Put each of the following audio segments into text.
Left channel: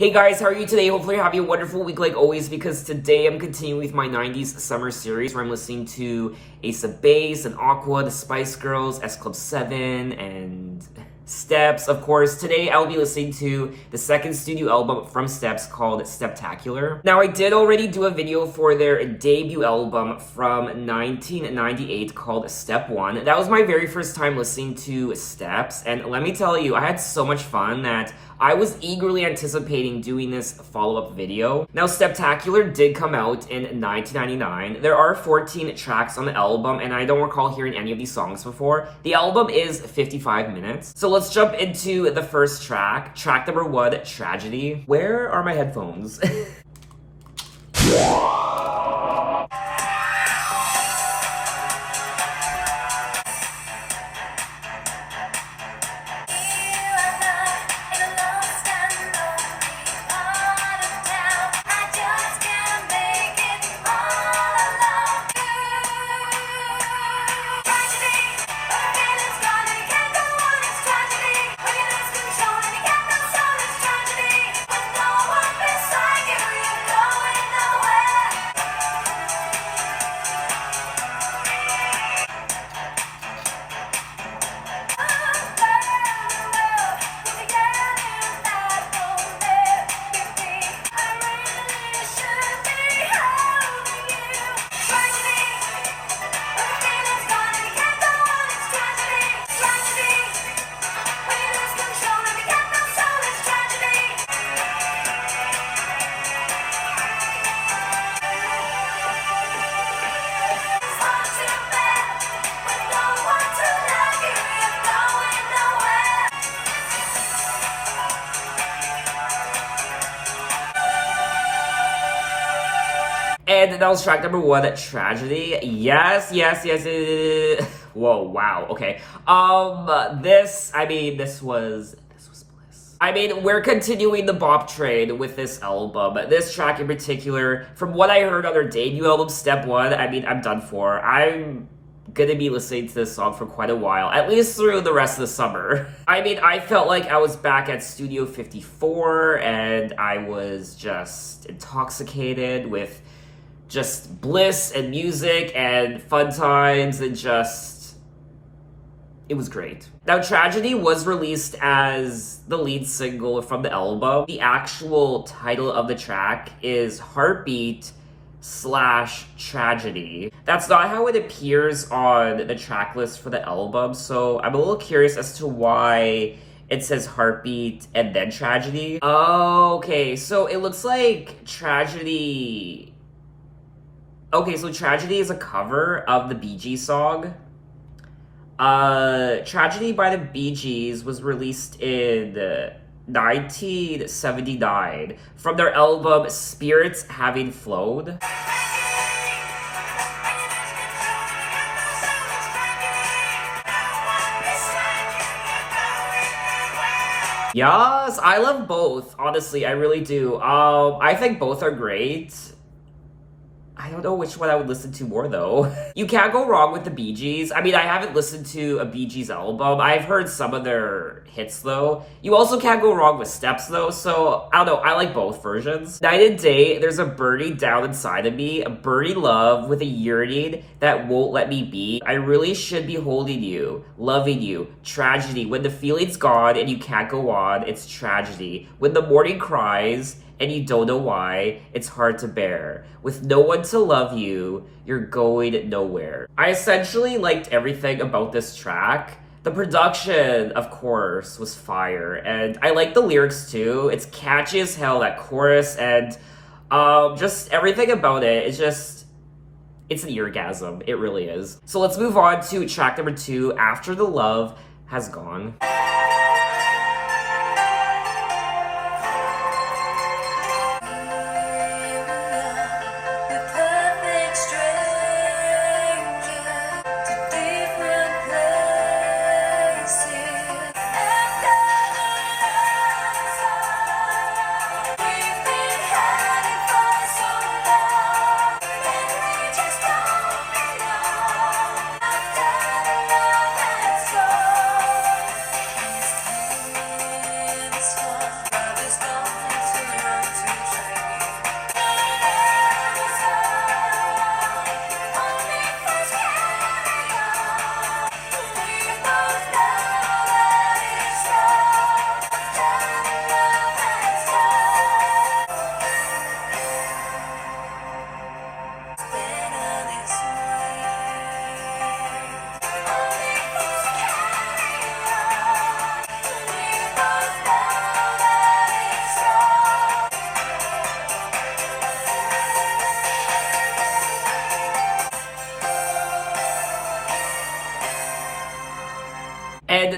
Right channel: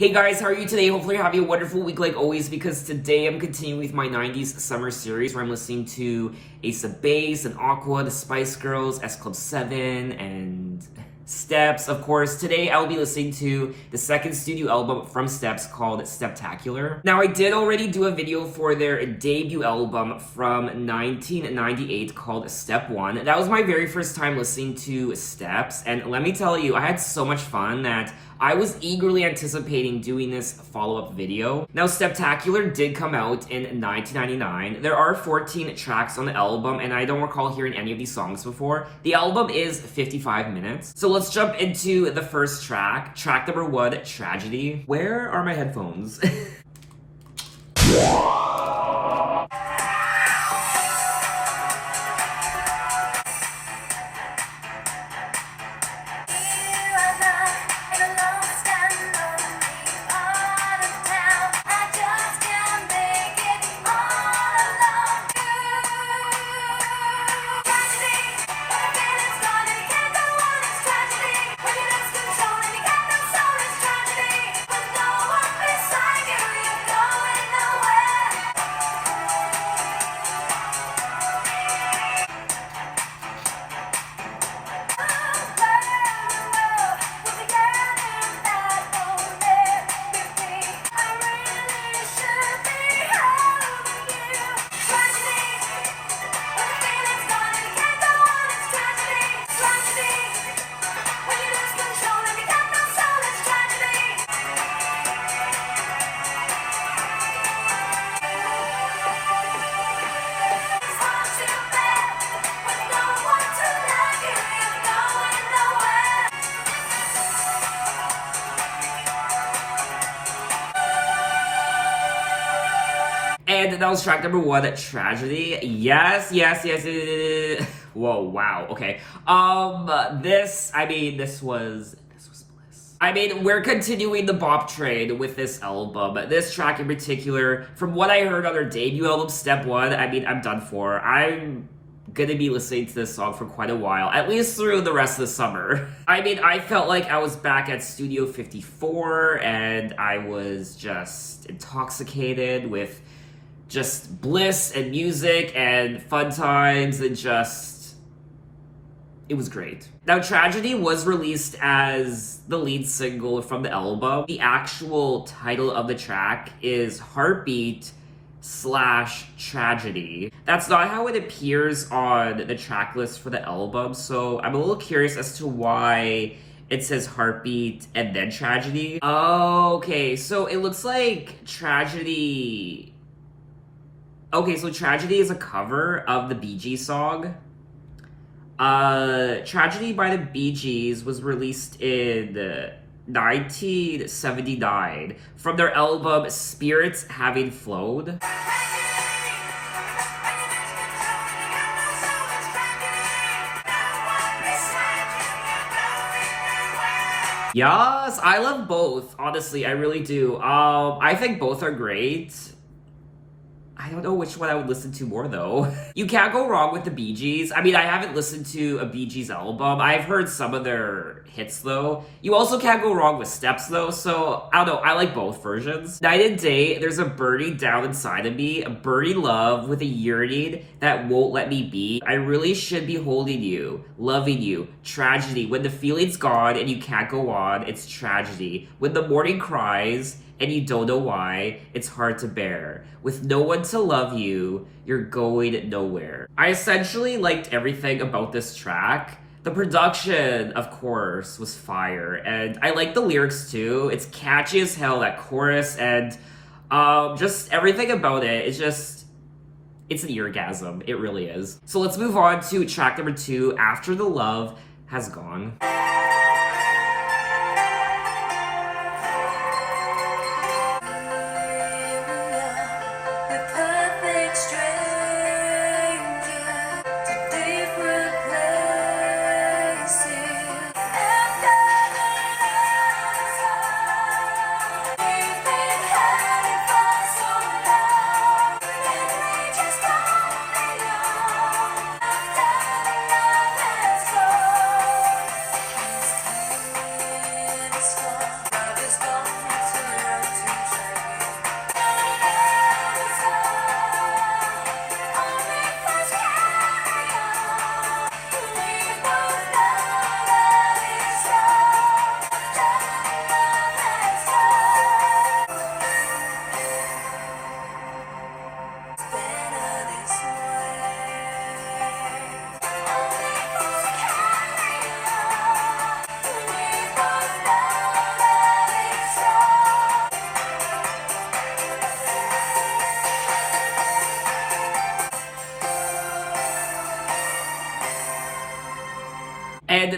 Hey guys, how are you today? Hopefully you're having a wonderful week like always, because today I'm continuing with my 90s summer series where I'm listening to Ace of Base and Aqua, the Spice Girls, S Club 7, and Steps. Of course, today I'll be listening to the second studio album from Steps called Steptacular. Now, I did already do a video for their debut album from 1998 called Step 1. That was my very first time listening to Steps, and let me tell you, I had so much fun that I was eagerly anticipating doing this follow-up video. Now, Steptacular did come out in 1999. There are 14 tracks on the album, and I don't recall hearing any of these songs before. The album is 55 minutes. So let's jump into the first track. Track number 1, Tragedy. Where are my headphones? And that was track number 1, Tragedy. Yes. Whoa, wow, okay. This was bliss. I mean, we're continuing the bop trade with this album. This track in particular, from what I heard on their debut album, Step 1, I mean, I'm done for. I'm gonna be listening to this song for quite a while, at least through the rest of the summer. I mean, I felt like I was back at Studio 54, and I was just intoxicated with just bliss and music and fun times, and just, it was great. Now, Tragedy was released as the lead single from the album. The actual title of the track is Heartbeat / Tragedy. That's not how it appears on the track list for the album, so I'm a little curious as to why it says Heartbeat and then Tragedy. Okay, so it looks like Tragedy... Okay, so Tragedy is a cover of the Bee Gees song. Tragedy by the Bee Gees was released in 1979 from their album Spirits Having Flowed. Yes, I love both. Honestly, I really do. I think both are great. I don't know which one I would listen to more, though. You can't go wrong with the Bee Gees. I mean, I haven't listened to a Bee Gees album. I've heard some of their hits, though. You also can't go wrong with Steps, though, so I don't know. I like both versions. Night and day, there's a burning down inside of me, a burning love with a yearning that won't let me be. I really should be holding you, loving you. Tragedy. When the feeling's gone and you can't go on, it's tragedy. When the morning cries and you don't know why, it's hard to bear. With no one to love you, you're going nowhere. I essentially liked everything about this track. The production, of course, was fire, and I like the lyrics too. It's catchy as hell, that chorus, and just everything about it, it's an eargasm. It really is. So let's move on to track number 2, After the Love Has Gone.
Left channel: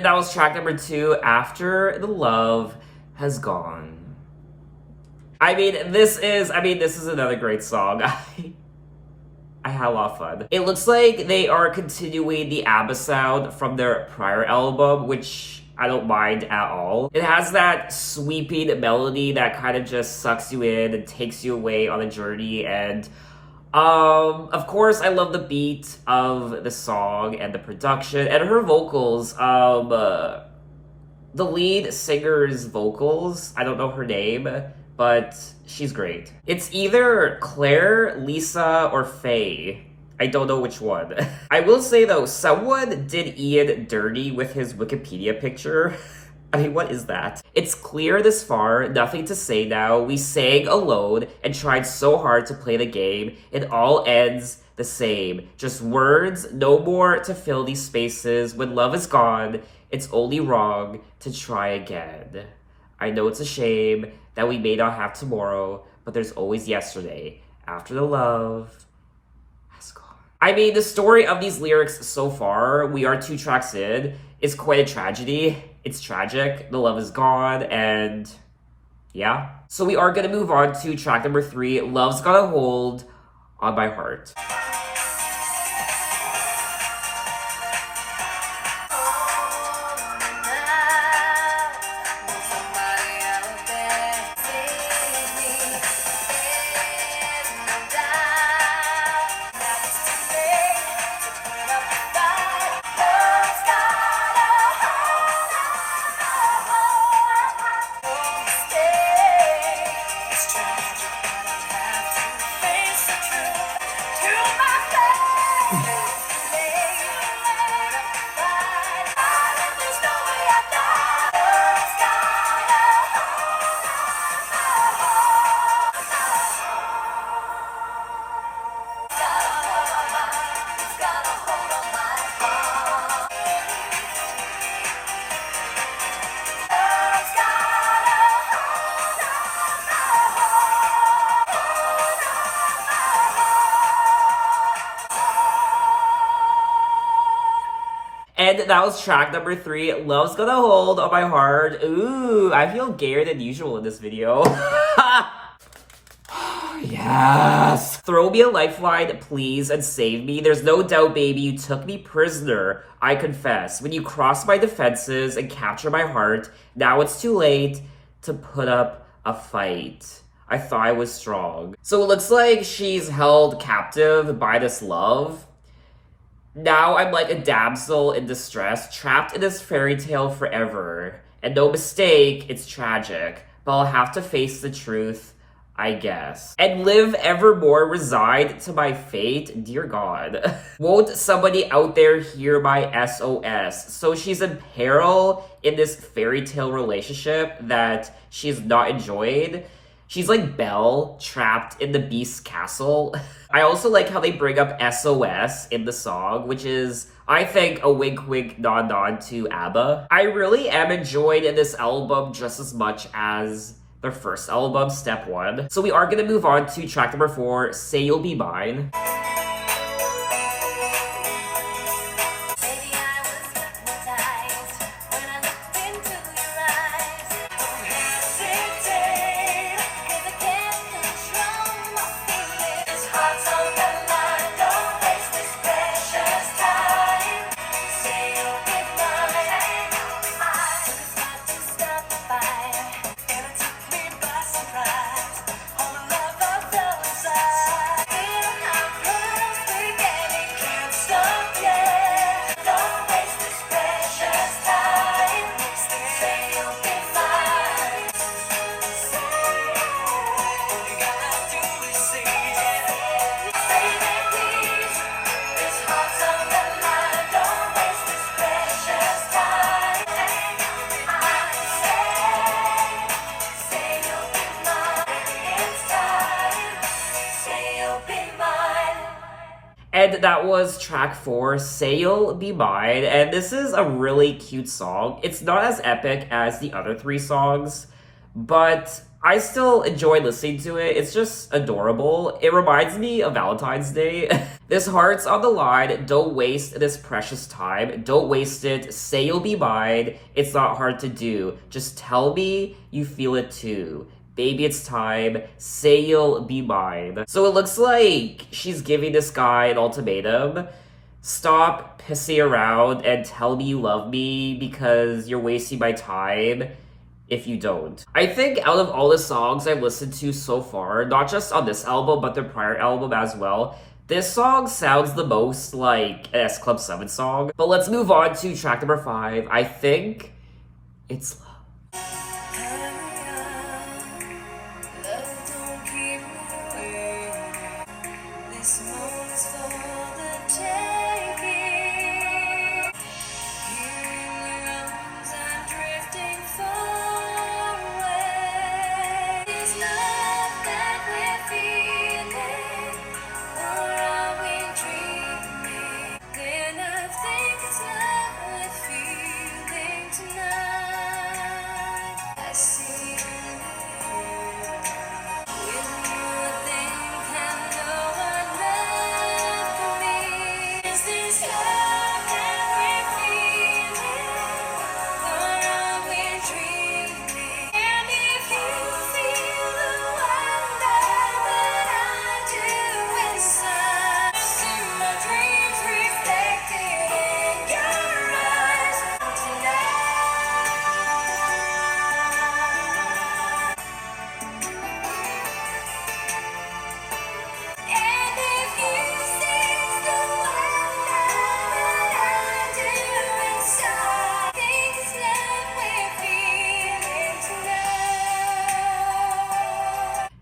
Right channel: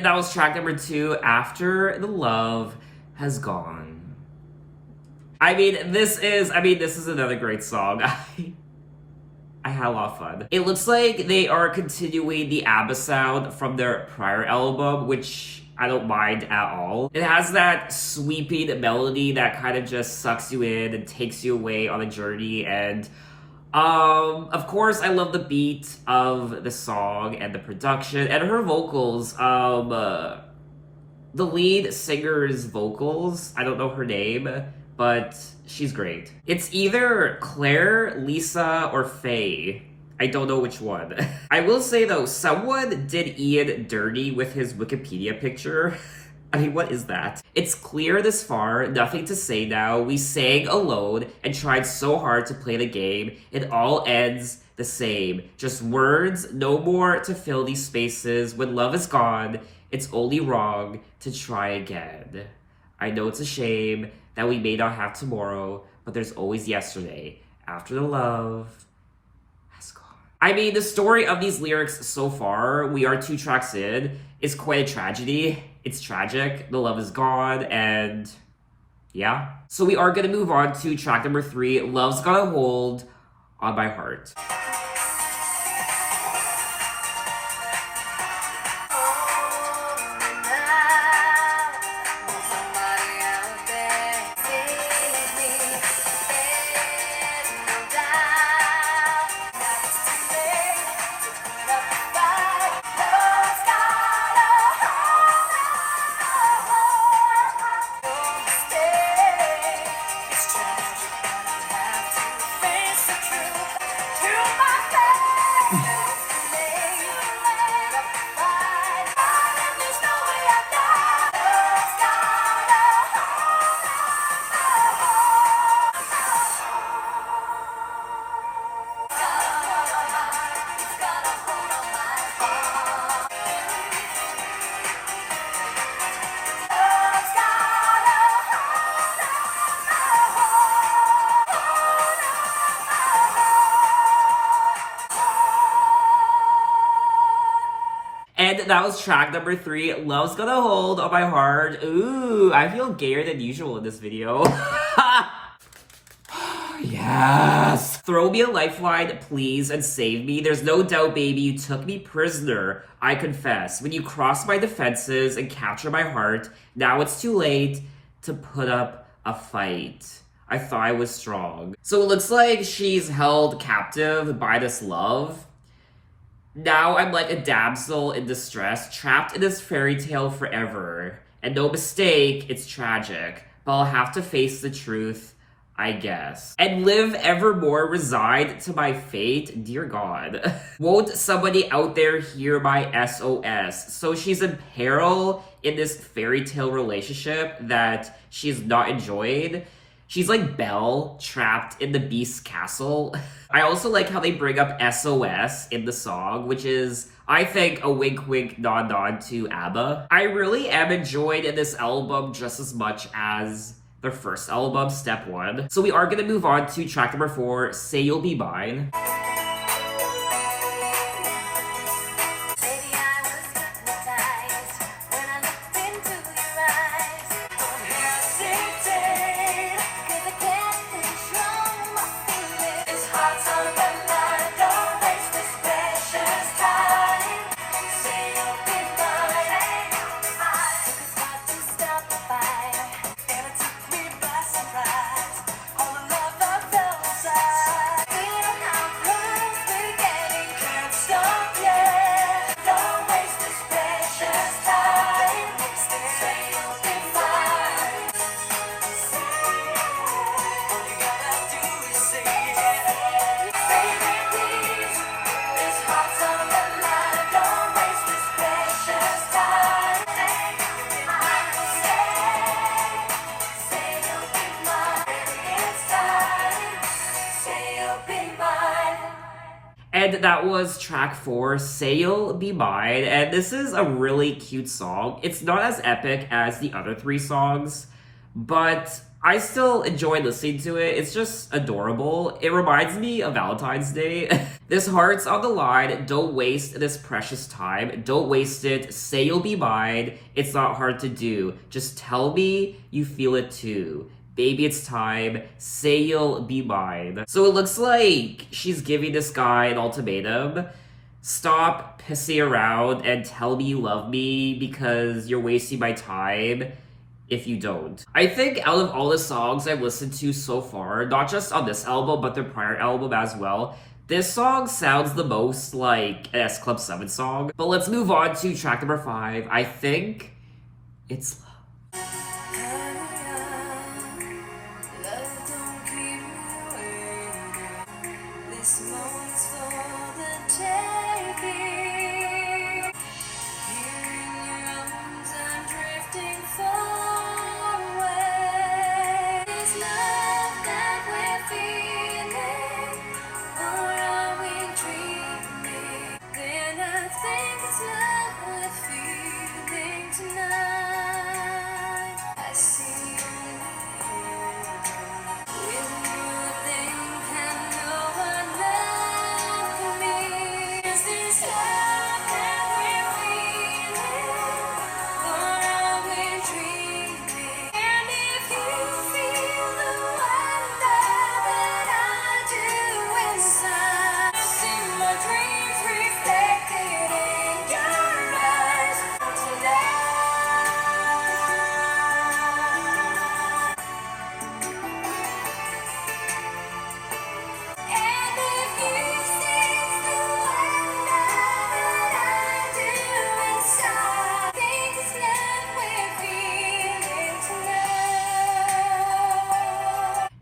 that was track number 2, After the Love Has Gone. I mean, this is another great song. I had a lot of fun. It looks like they are continuing the ABBA sound from their prior album, which I don't mind at all. It has that sweeping melody that kind of just sucks you in and takes you away on a journey, and of course I love the beat of the song and the production and her vocals. The lead singer's vocals, I don't know her name, but she's great. It's either Claire, Lisa, or Faye. I don't know which one. I will say though, someone did Ian dirty with his Wikipedia picture. I mean, what is that? It's clear this far, nothing to say now. We sang alone and tried so hard to play the game. It all ends the same. Just words, no more to fill these spaces. When love is gone, it's only wrong to try again. I know it's a shame that we may not have tomorrow, but there's always yesterday. After the love has gone. I mean, the story of these lyrics so far, we are 2 tracks in, is quite a tragedy. It's tragic, the love is gone, and yeah. So we are gonna move on to track number 3, Love's Got a Hold on My Heart. And that was track number 3, Love's Got a Hold on My Heart. Ooh, I feel gayer than usual in this video. Yes! Throw me a lifeline, please, and save me. There's no doubt, baby, you took me prisoner, I confess. When you crossed my defenses and captured my heart, now it's too late to put up a fight. I thought I was strong. So it looks like she's held captive by this love. Now I'm like a damsel in distress, trapped in this fairy tale forever. And no mistake, it's tragic. But I'll have to face the truth, I guess. And live evermore resigned to my fate, dear God. Won't somebody out there hear my SOS? So she's in peril in this fairy tale relationship that she's not enjoyed. She's like Belle, trapped in the Beast's castle. I also like how they bring up SOS in the song, which is, I think, a wink wink nod nod to ABBA. I really am enjoyed in this album just as much as their first album, Step 1. So we are gonna move on to track number 4, Say You'll Be Mine. And that was track 4, Say You'll Be Mine, and this is a really cute song. It's not as epic as the other 3 songs, but I still enjoy listening to it. It's just adorable. It reminds me of Valentine's Day. This heart's on the line. Don't waste this precious time. Don't waste it. Say you'll be mine. It's not hard to do. Just tell me you feel it too. Baby, it's time. Say you'll be mine. So it looks like she's giving this guy an ultimatum. Stop pissing around and tell me you love me because you're wasting my time if you don't. I think out of all the songs I've listened to so far, not just on this album, but their prior album as well, this song sounds the most like an S Club 7 song. But let's move on to track number 5. I think it's Love.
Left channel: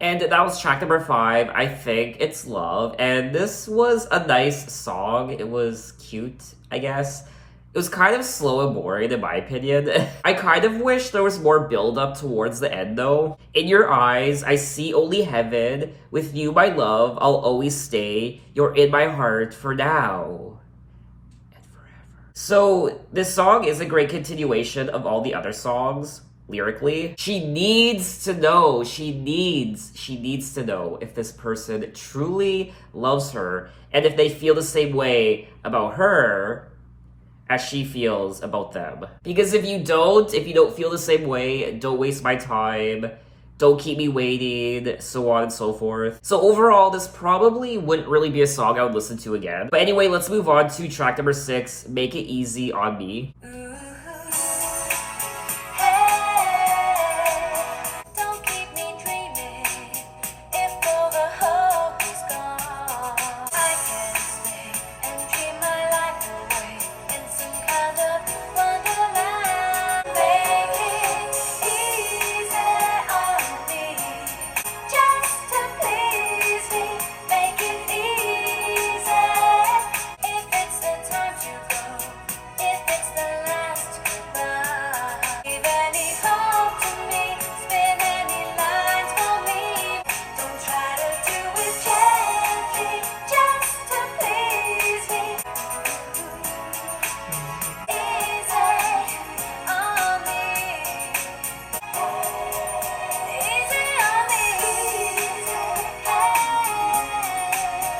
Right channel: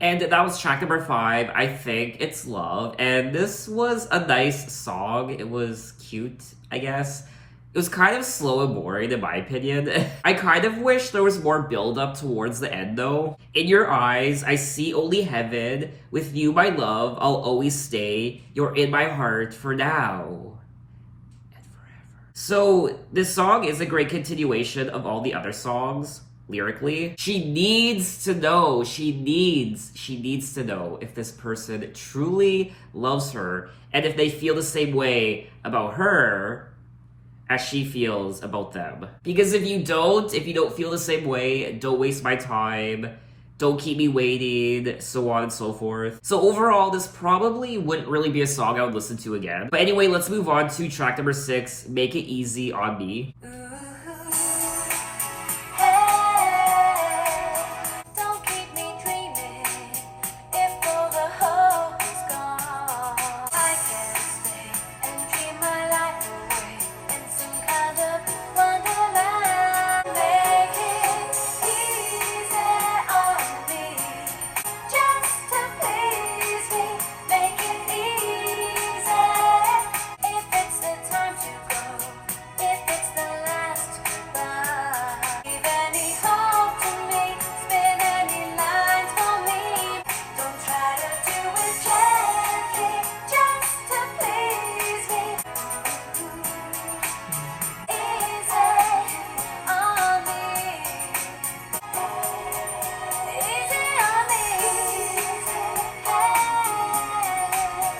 And that was track number 5. I think it's Love. And this was a nice song. It was cute, I guess. It was kind of slow and boring in my opinion. I kind of wish there was more build up towards the end though. In your eyes, I see only heaven. With you, my love, I'll always stay. You're in my heart for now and forever. So this song is a great continuation of all the other songs. Lyrically, she needs to know to know if this person truly loves her and if they feel the same way about her as she feels about them. Because if you don't feel the same way, don't waste my time, don't keep me waiting, so on and so forth. So overall, this probably wouldn't really be a song I would listen to again. But anyway, let's move on to track number 6, Make It Easy on Me.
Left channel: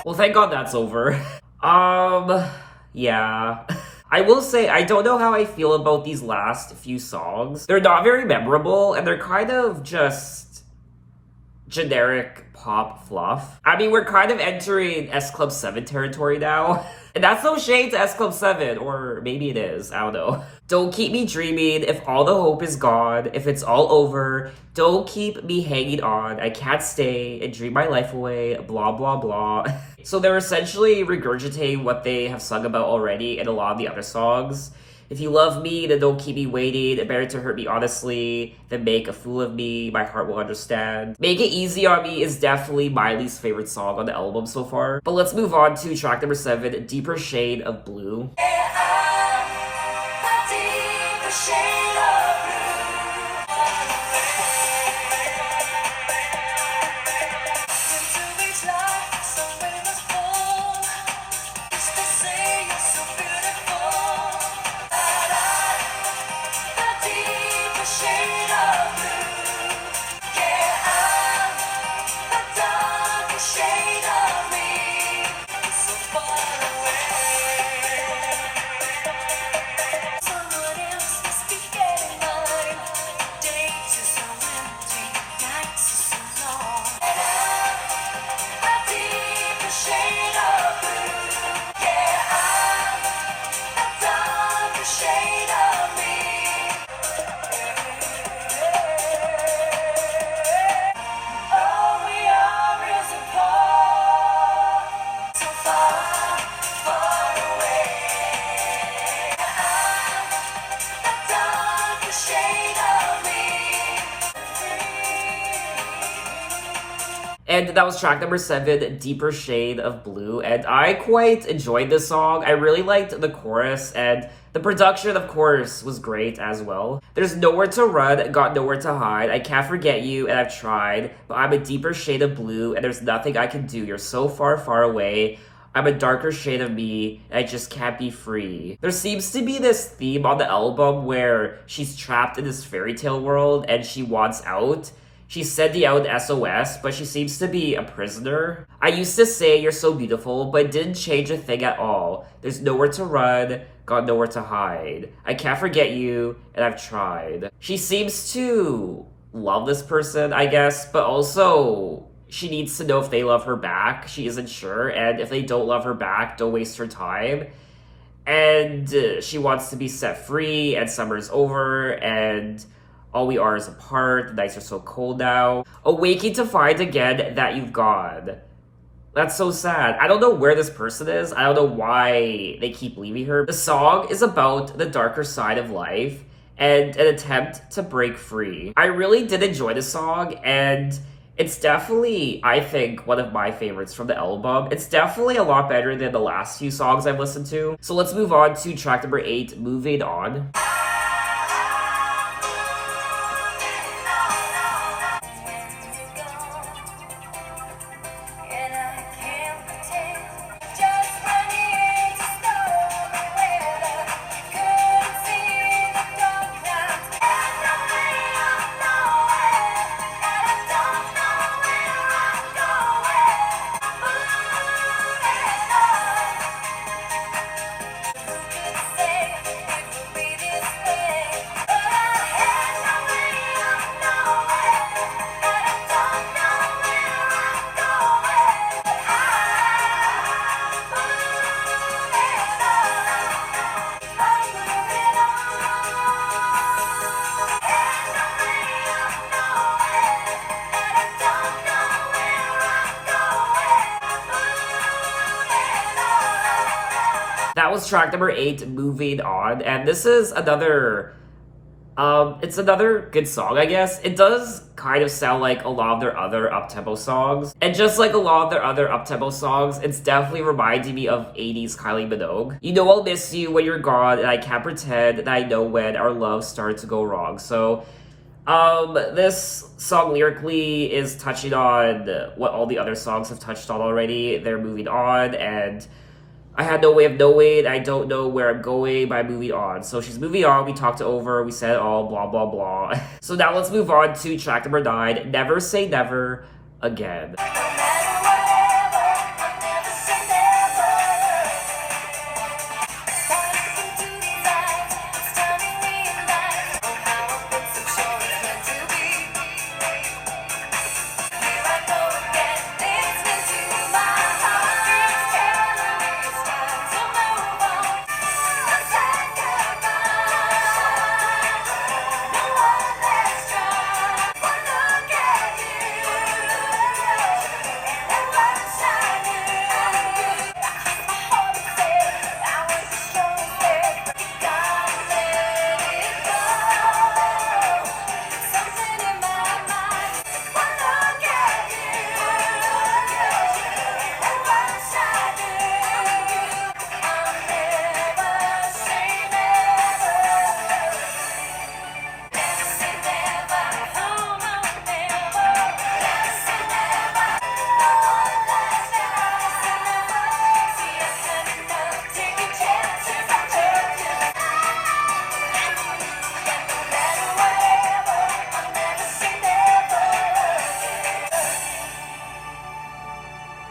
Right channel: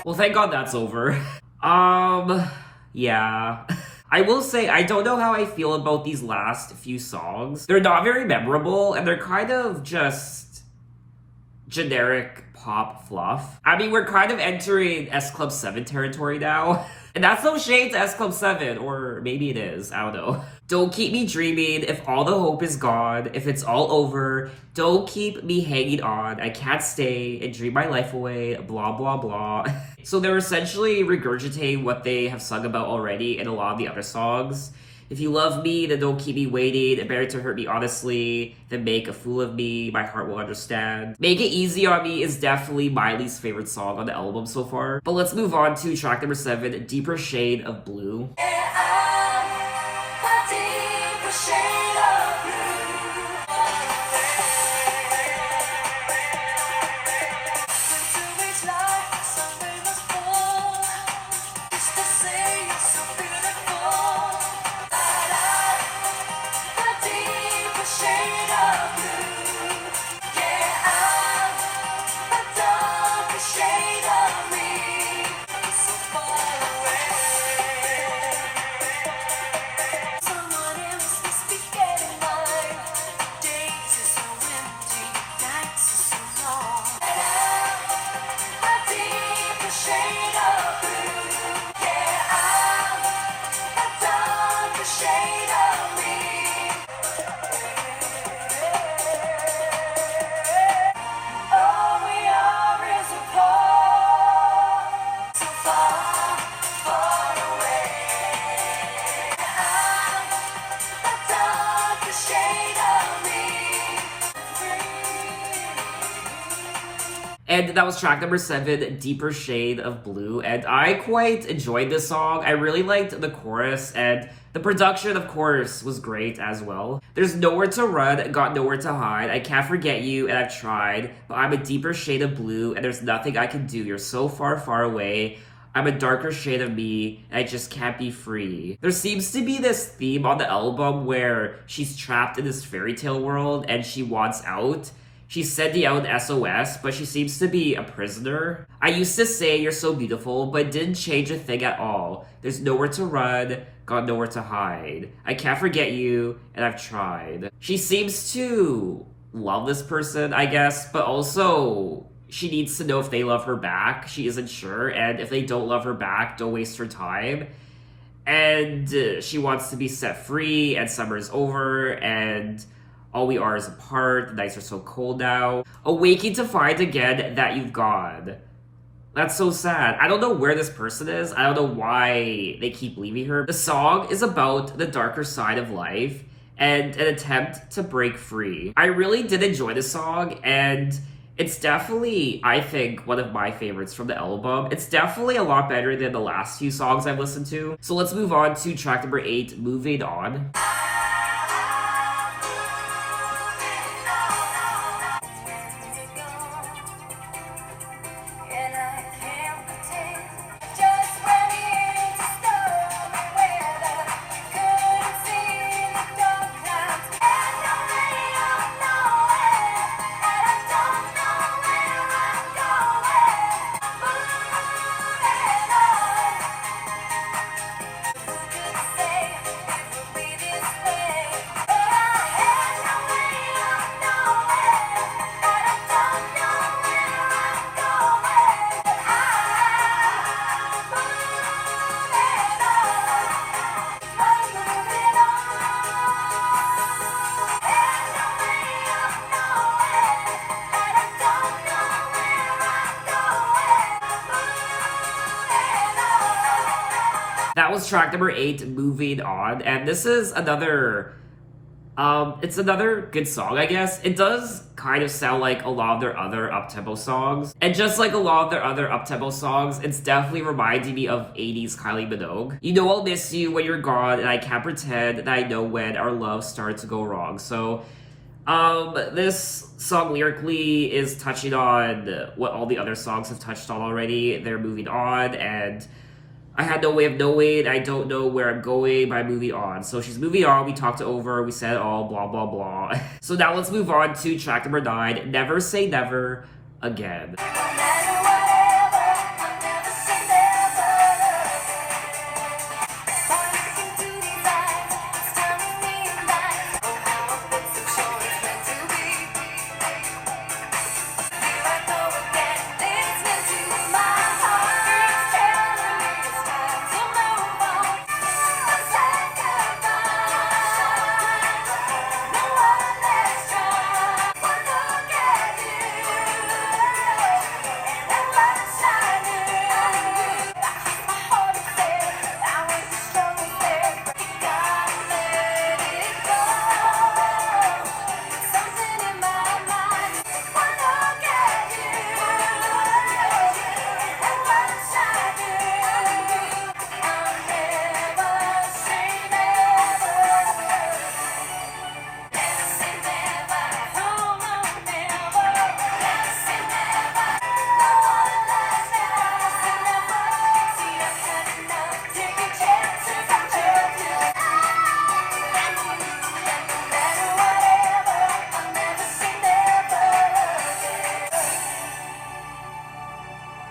Well, thank God that's over. Yeah. I will say, I don't know how I feel about these last few songs. They're not very memorable, and they're kind of just generic pop fluff. I mean, we're kind of entering S Club 7 territory now. And that's no shade to S Club 7, or maybe it is, I don't know. Don't keep me dreaming if all the hope is gone, if it's all over. Don't keep me hanging on, I can't stay and dream my life away, blah blah blah. So they're essentially regurgitating what they have sung about already in a lot of the other songs. If you love me, then don't keep me waiting. Better to hurt me honestly than make a fool of me. My heart will understand. Make It Easy on Me is definitely my least favorite song on the album so far. But let's move on to track number 7, Deeper Shade of Blue. And that was track number 7, Deeper Shade of Blue. And I quite enjoyed this song. I really liked the chorus, and the production, of course, was great as well. There's nowhere to run, got nowhere to hide. I can't forget you, and I've tried. But I'm a deeper shade of blue, and there's nothing I can do. You're so far, far away. I'm a darker shade of me, and I just can't be free. There seems to be this theme on the album where she's trapped in this fairy tale world, and she wants out. She sending out an SOS, but she seems to be a prisoner. I used to say you're so beautiful, but it didn't change a thing at all. There's nowhere to run, got nowhere to hide. I can't forget you, and I've tried. She seems to love this person, I guess, but also she needs to know if they love her back. She isn't sure, and if they don't love her back, don't waste her time. And she wants to be set free, and summer's over, and all we are is apart. The nights are so cold now. Awaking to find again that you've gone. That's so sad. I don't know where this person is. I don't know why they keep leaving her. The song is about the darker side of life and an attempt to break free. I really did enjoy the song, and it's definitely, I think, one of my favorites from the album. It's definitely a lot better than the last few songs I've listened to. So let's move on to track number 8, Moving On. That was track number 8, Moving On, and this is another, it's another good song, I guess. It does kind of sound like a lot of their other up-tempo songs, and just like a lot of their other up-tempo songs, it's definitely reminding me of 80s Kylie Minogue. You know I'll miss you when you're gone, and I can't pretend that I know when our love started to go wrong. So, this song lyrically is touching on what all the other songs have touched on already. They're moving on, and I had no way of knowing, I don't know where I'm going by moving on. So she's moving on, we talked it over, we said it all, blah, blah, blah. So now let's move on to track number 9, Never Say Never Again.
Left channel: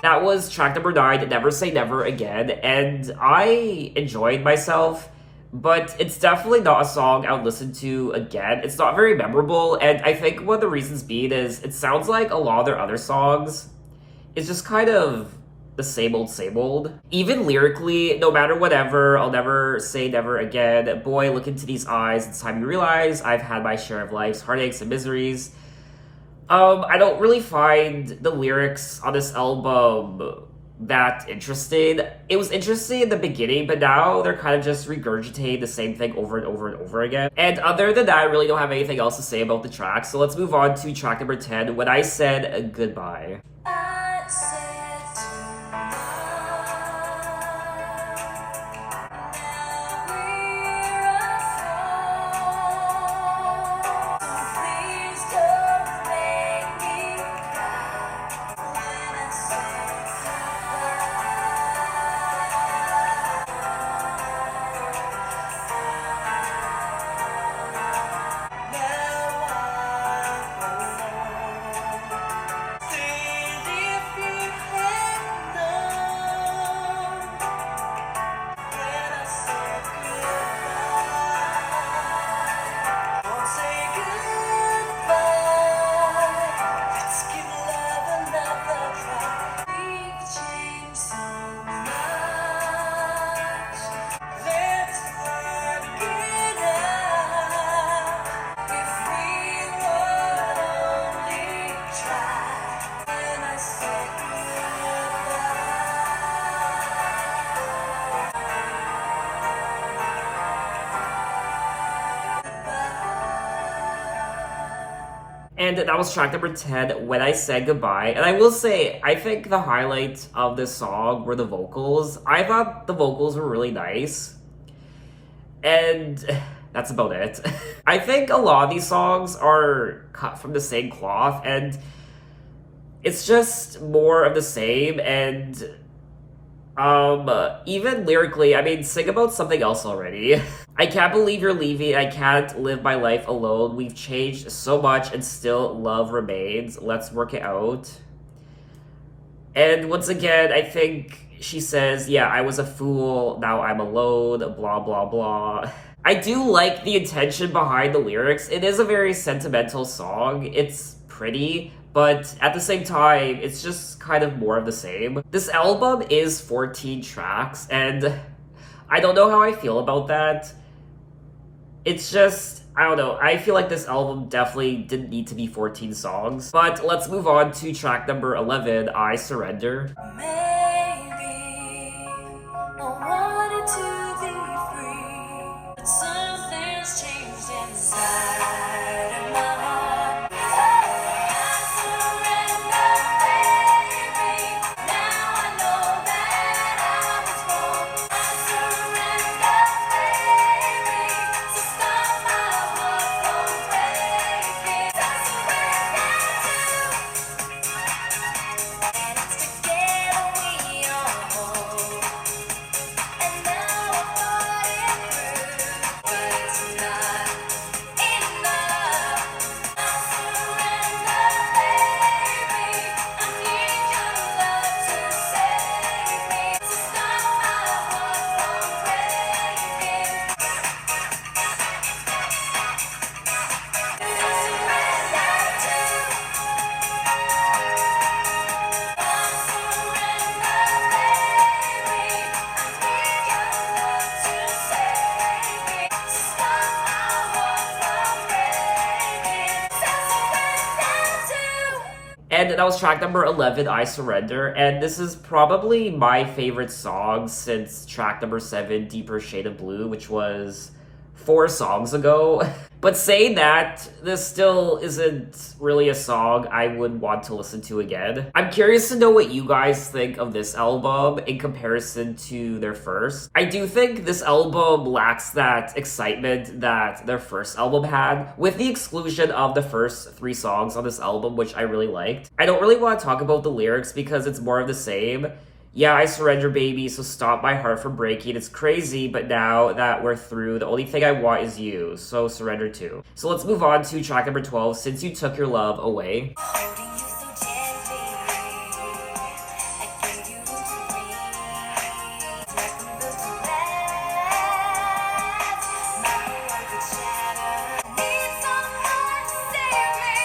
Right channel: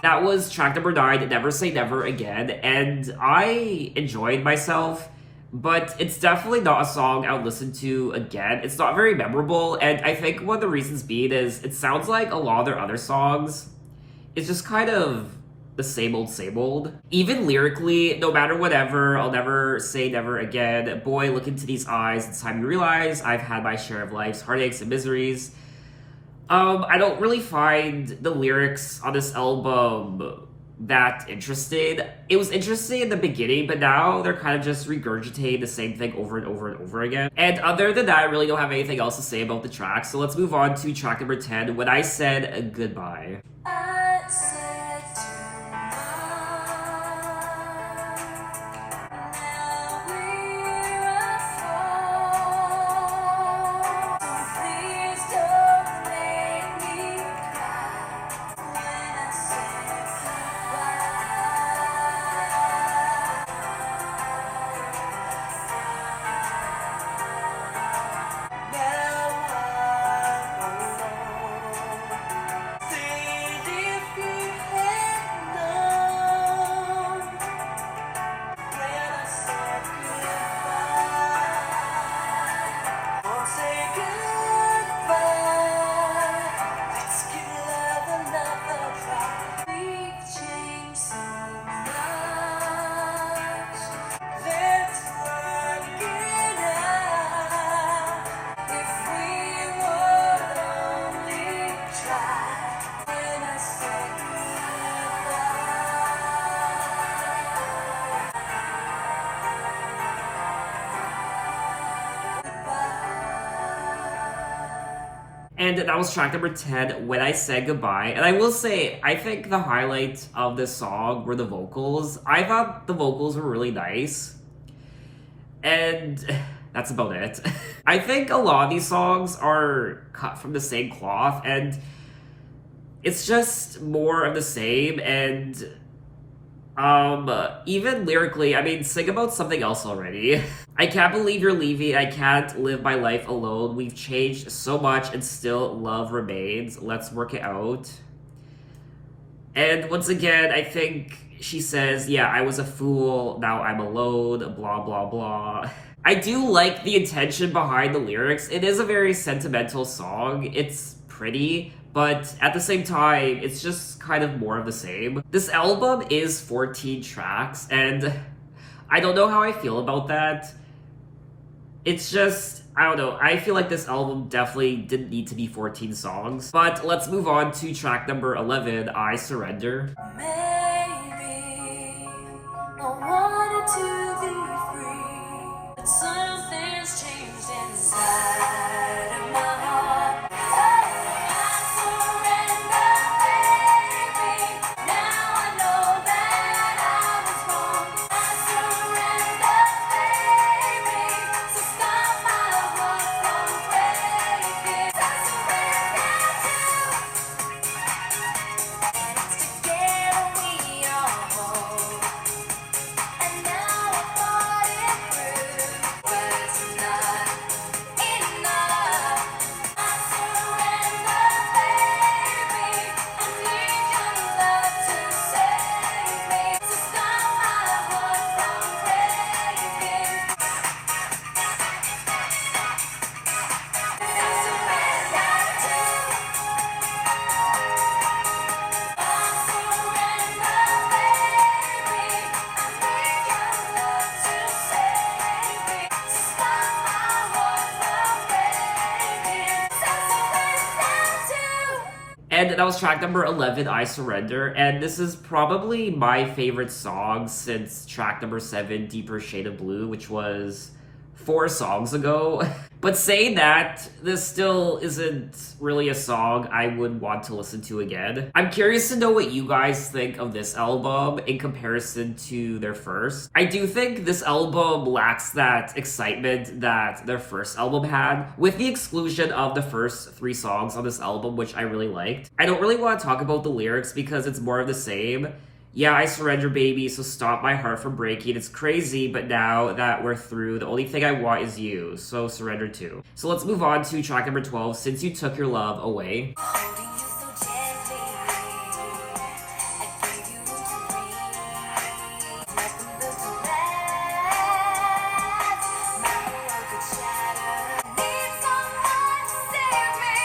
That was track number 9, Never Say Never Again, and I enjoyed myself, but it's definitely not a song I would listen to again. It's not very memorable, and I think one of the reasons being is it sounds like a lot of their other songs. It's just kind of the same old, same old. Even lyrically, no matter whatever, I'll never say never again. Boy, look into these eyes, it's time you realize I've had my share of life's heartaches and miseries. I don't really find the lyrics on this album that interesting. It was interesting in the beginning, but now they're kind of just regurgitating the same thing over and over and over again. And other than that, I really don't have anything else to say about the track. So let's move on to track number 10, When I Said Goodbye. I said tonight, now we're apart. So please don't make me cry when I say goodbye. Now I'm alone. Think if you had known when I said goodbye. Won't say goodbye. Let's give love another try. We've changed so much. Let's not get out. If we would only try. When I said And that was track number 10, When I Said Goodbye. And I will say, I think the highlight of this song were the vocals. I thought the vocals were really nice. And that's about it. I think a lot of these songs are cut from the same cloth, and it's just more of the same. And even lyrically, I mean, sing about something else already. I can't believe you're leaving. I can't live my life alone. We've changed so much and still love remains. Let's work it out. And once again, I think she says, yeah, I was a fool. Now I'm alone. Blah, blah, blah. I do like the intention behind the lyrics. It is a very sentimental song. It's pretty, but at the same time, it's just kind of more of the same. This album is 14 tracks, and I don't know how I feel about that. It's just, I don't know, I feel like this album definitely didn't need to be 14 songs. But let's move on to track number 11, I Surrender. maybe I wanted to be free, but something's changed inside of my heart. I surrender, baby. Now I know that I was wrong. I surrender, baby. So stop my heart from breaking. I surrender, and it's together we are whole. And now I thought it through, but it's not enough. I surrender, baby. I need your love to save me. So stop my heart from breaking. I surrender too. I surrender, baby. I need your love to save me. So stop my heart from breaking. I surrender too. And that was track number 11, I Surrender. And this is probably my favorite song since track number 7, Deeper Shade of Blue, which was 4 songs ago. But saying that, this still isn't really a song I would want to listen to again. I'm curious to know what you guys think of this album in comparison to their first. I do think this album lacks that excitement that their first album had, with the exclusion of the first 3 songs on this album, which I really liked. I don't really want to talk about the lyrics because it's more of the same. Yeah, I surrender, baby, so stop my heart from breaking. It's crazy, but now that we're through, the only thing I want is you, so surrender too. So let's move on to track number 12, Since You Took Your Love Away. Holding you so gently, I gave you room to breathe. Nothing but to last. My world could shatter. Need someone to save me.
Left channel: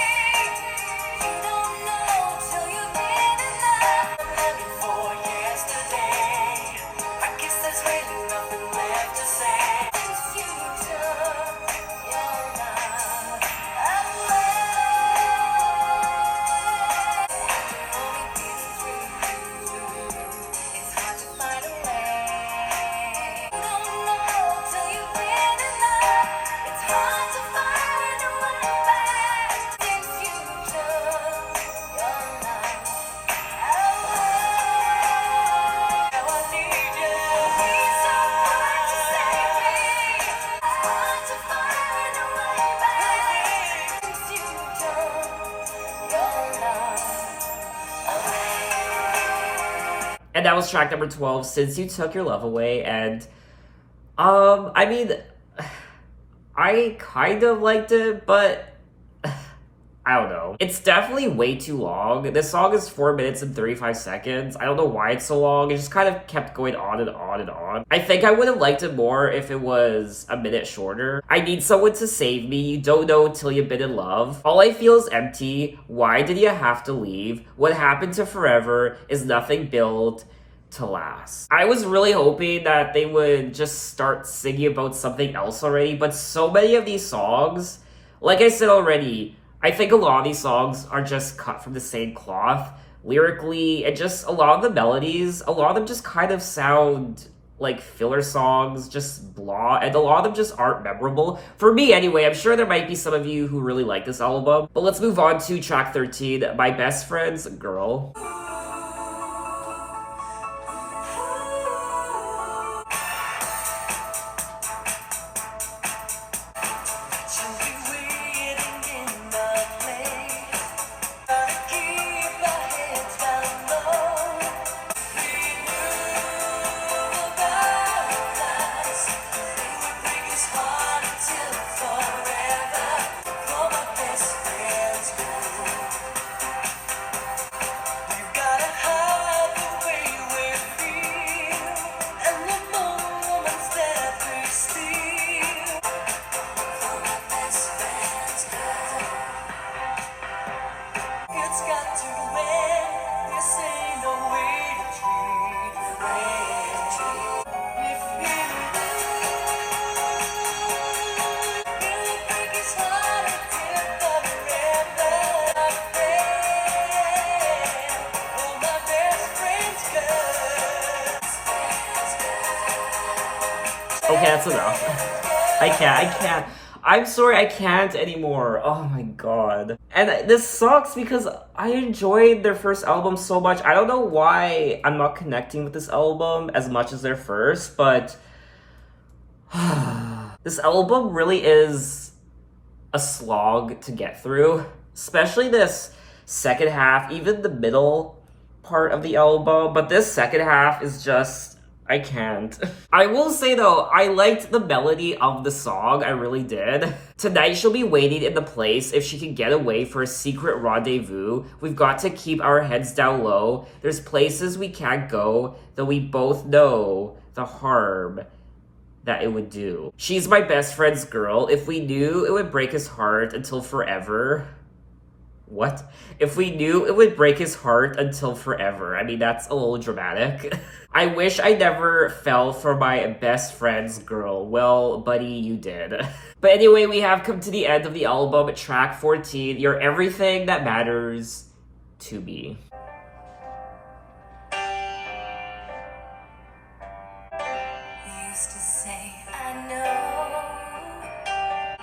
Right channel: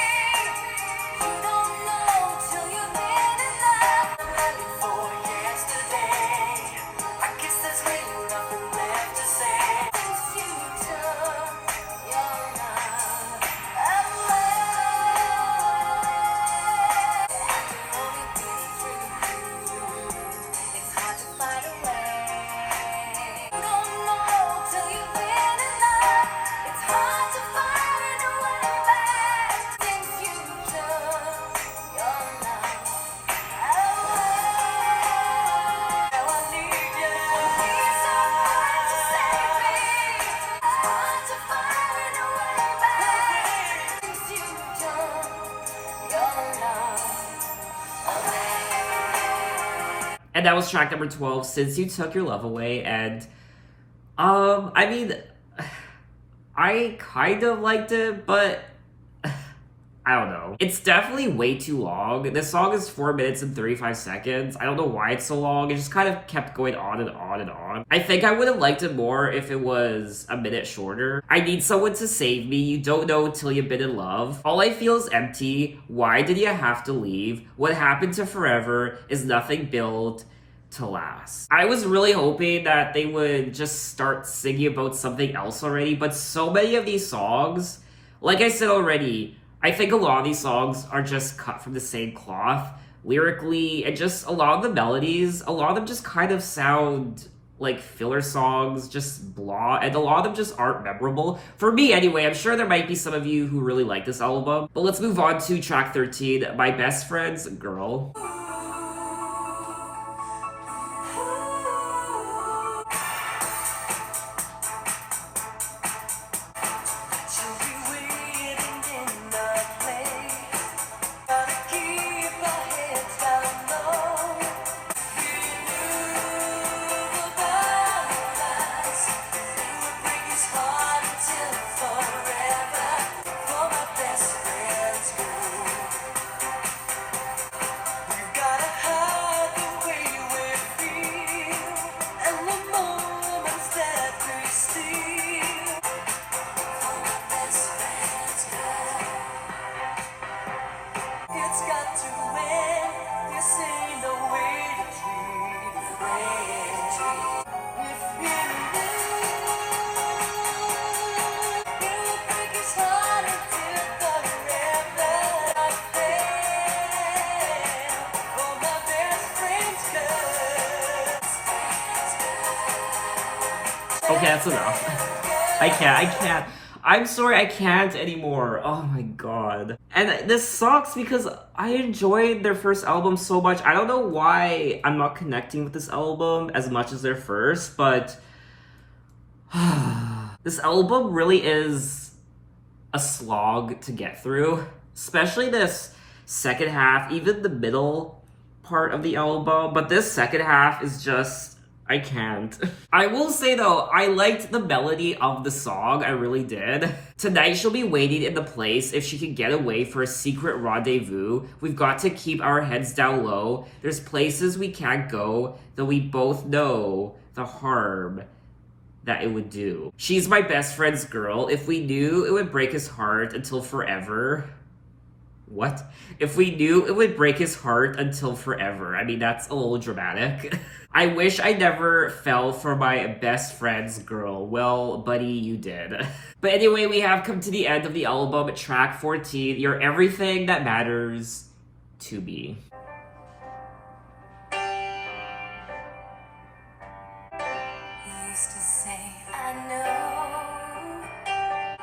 You don't know till you've been in love. I'm living for yesterday. I guess there's really nothing left to say. Since you took your love away. And that was track number 12, Since You Took Your Love Away. And, I mean, I kind of liked it, but I don't know. It's definitely way too long. This song is 4 minutes and 35 seconds. I don't know why it's so long. It just kind of kept going on and on and on. I think I would have liked it more if it was a minute shorter. I need someone to save me. You don't know till you've been in love. All I feel is empty. Why did you have to leave? What happened to forever is nothing built to last. I was really hoping that they would just start singing about something else already, but so many of these songs, like I said already, I think a lot of these songs are just cut from the same cloth, lyrically, and just a lot of the melodies, a lot of them just kind of sound like filler songs, just blah, and a lot of them just aren't memorable. For me anyway, I'm sure there might be some of you who really like this album, but let's move on to track 13, My Best Friend's Girl. She'll be waiting in the place. Gotta keep our heads down low. We knew about us. They would break his heart until forever. For my best friends go. We've gotta hide the way we feel and the moments that we steal. For my best friends go. It's got to end. This ain't no way to treat a friend. If you really break his heart until forever, like that. Oh, my best friends go. Okay, that's enough. I can't. I'm sorry, I can't anymore. Oh my god. And this sucks because I enjoyed their first album so much. I don't know why I'm not connecting with this album as much as their first, but this album really is a slog to get through. Especially this second half, even the middle part of the album. But this second half is just, I can't. I will say though, I liked the melody of the song, I really did. Tonight she'll be waiting in the place if she can get away for a secret rendezvous. We've got to keep our heads down low. There's places we can't go, though we both know the harm that it would do. She's my best friend's girl. If we knew it would break his heart until forever. What? If we knew it would break his heart until forever. I mean, that's a little dramatic. I wish I never fell for my best friend's girl. Well, buddy, you did. But anyway, we have come to the end of the album. Track 14, You're Everything That Matters to Me. Used to say, I know.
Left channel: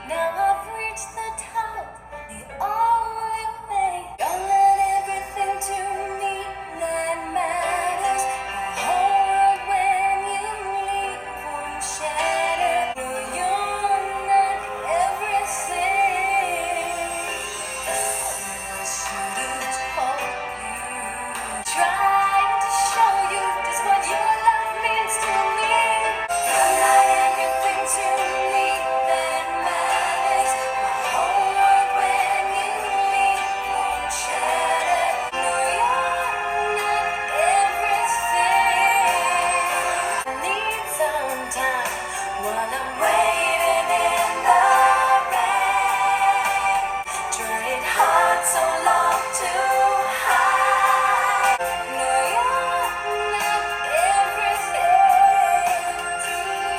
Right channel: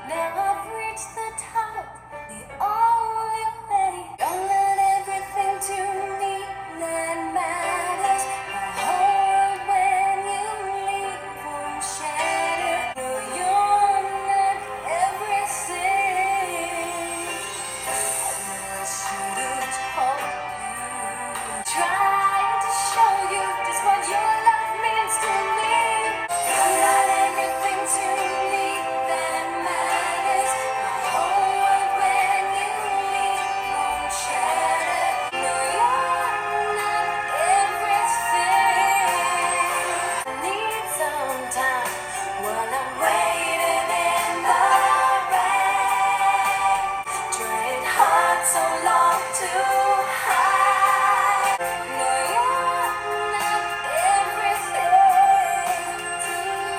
Now I've reached the top, the only way. Don't let everything to me that matters. Hold when you leave, won't shatter. You're not everything. I should have told you. Trying to show you just what your love means to me. You're not everything to me that matters. My whole world when you leave won't shatter. No, you're not everything. I need some time while I'm waiting in the rain. Trying hard so long to hide. No, you're not everything to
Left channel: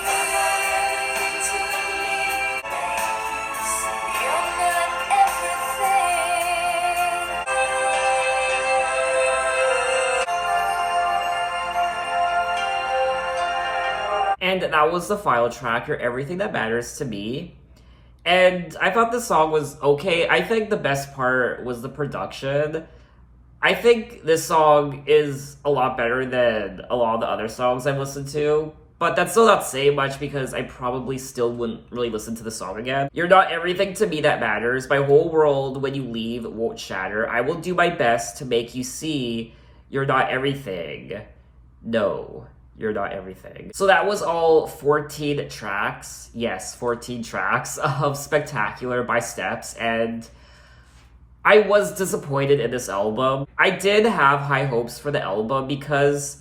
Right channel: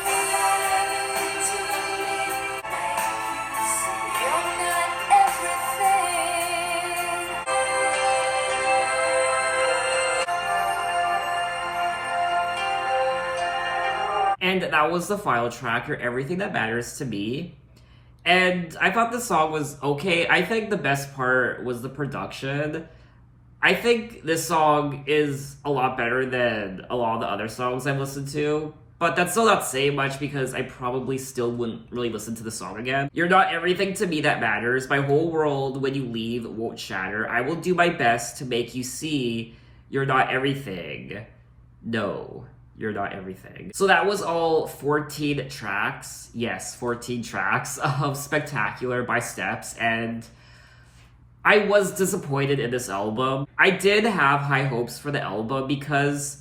me. You're not everything. And that was the final track, You're Everything That Matters to Me. And I thought the song was okay. I think the best part was the production. I think this song is a lot better than a lot of the other songs I've listened to. But that's still not saying much because I probably still wouldn't really listen to the song again. You're not everything to me that matters. My whole world when you leave won't shatter. I will do my best to make you see you're not everything No, you're not everything. So that was all 14 tracks. Yes, 14 tracks of Spectacular by Steps, and I was disappointed in this album. I did have high hopes for the album because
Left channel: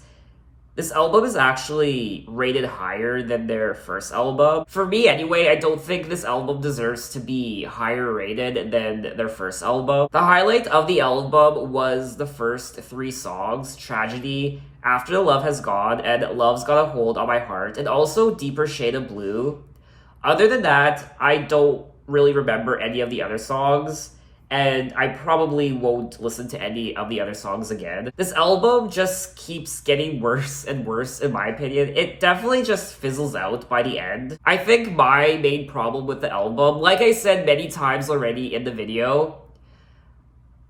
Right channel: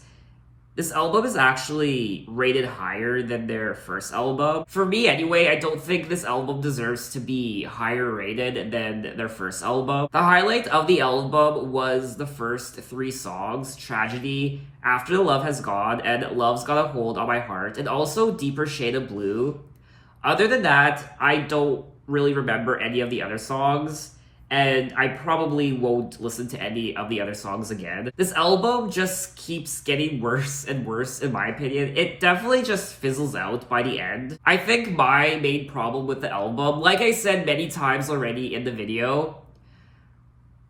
this album is actually rated higher than their first album. For me anyway, I don't think this album deserves to be higher rated than their first album. The highlight of the album was the first 3 songs, Tragedy, After the Love Has Gone, and Love's Got a Hold on My Heart, and also Deeper Shade of Blue. Other than that, I don't really remember any of the other songs, and I probably won't listen to any of the other songs again. This album just keeps getting worse and worse, in my opinion. It definitely just fizzles out by the end. I think my main problem with the album, like I said many times already in the video,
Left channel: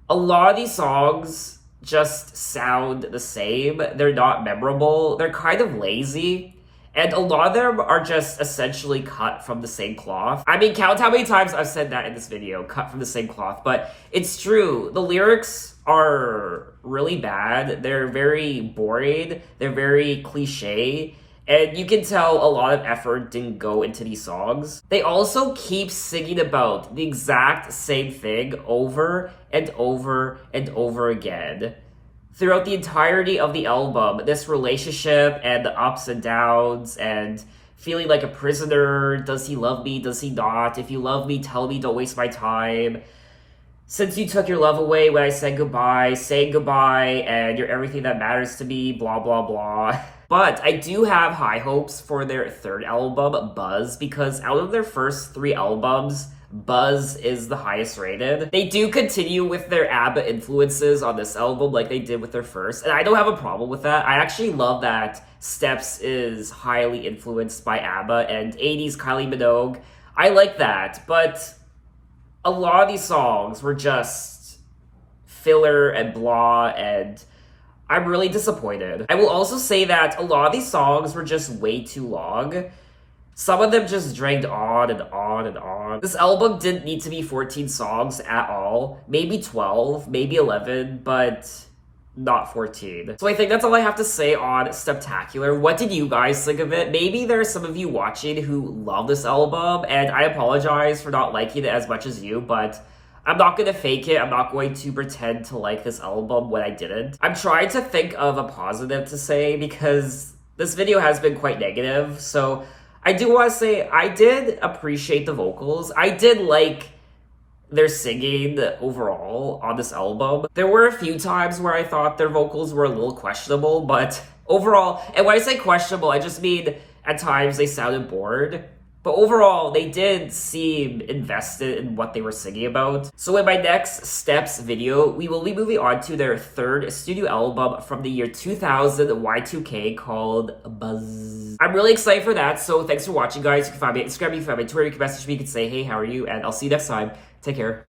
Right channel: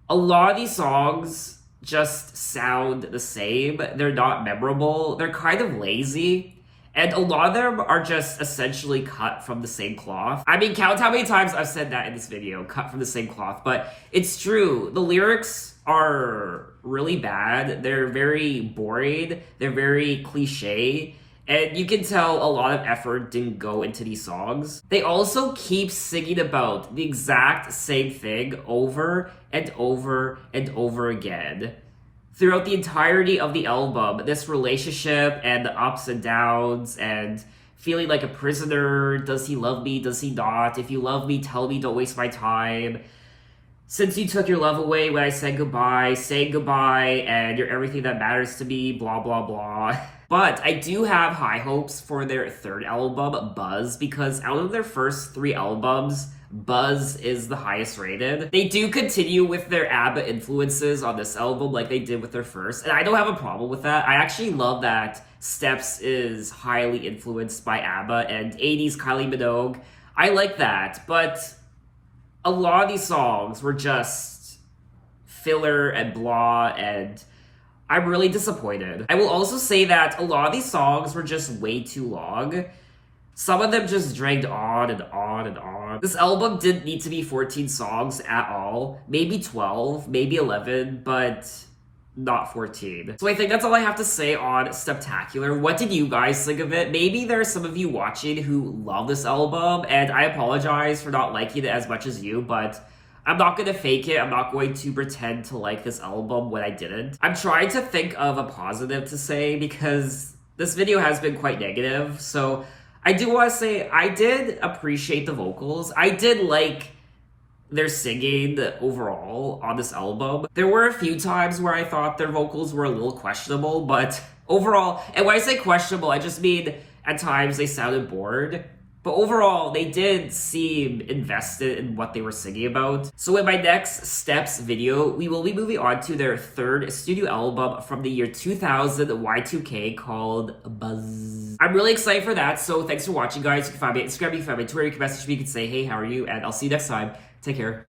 a lot of these songs just sound the same. They're not memorable. They're kind of lazy. And a lot of them are just essentially cut from the same cloth. I mean, count how many times I've said that in this video, cut from the same cloth. But it's true. The lyrics are really bad. They're very boring. They're very cliche. And you can tell a lot of effort didn't go into these songs. They also keep singing about the exact same thing over and over and over again. Throughout the entirety of the album, this relationship and the ups and downs and feeling like a prisoner. Does he love me? Does he not? If you love me, tell me, don't waste my time. Since you took your love away when I said goodbye, saying goodbye, and you're everything that matters to me, blah, blah, blah. But I do have high hopes for their third album, Buzz, because out of their first 3 albums, Buzz is the highest rated. They do continue with their ABBA influences on this album like they did with their first, and I don't have a problem with that. I actually love that Steps is highly influenced by ABBA and 80s Kylie Minogue. I like that, but a lot of these songs were just filler and blah, and I'm really disappointed. I will also say that a lot of these songs were just way too long. Some of them just dragged on and on and on. This album didn't need to be 14 songs at all. Maybe 12, maybe 11, but not 14. So I think that's all I have to say on Steptacular. What did you guys think of it? Maybe there are some of you watching who love this album, and I apologize for not liking it as much as you, but I'm not gonna fake it. I'm not going to pretend to like this album when I didn't. I'm trying to think of a positive to say because this video has been quite negative, so I do want to say I did appreciate the vocals. I did like their singing overall on this album. There were a few times where I thought their vocals were a little questionable, but overall, and when I say questionable, I just mean at times they sounded bored. But overall, they did seem invested in what they were singing about. So in my next Steps video, we will be moving on to their third studio album from the year 2000 Y2K called Buzz. I'm really excited for that, so thanks for watching, guys. You can find me on Instagram, you can find me on Twitter, you can message me, you can say, hey, how are you? And I'll see you next time. Take care.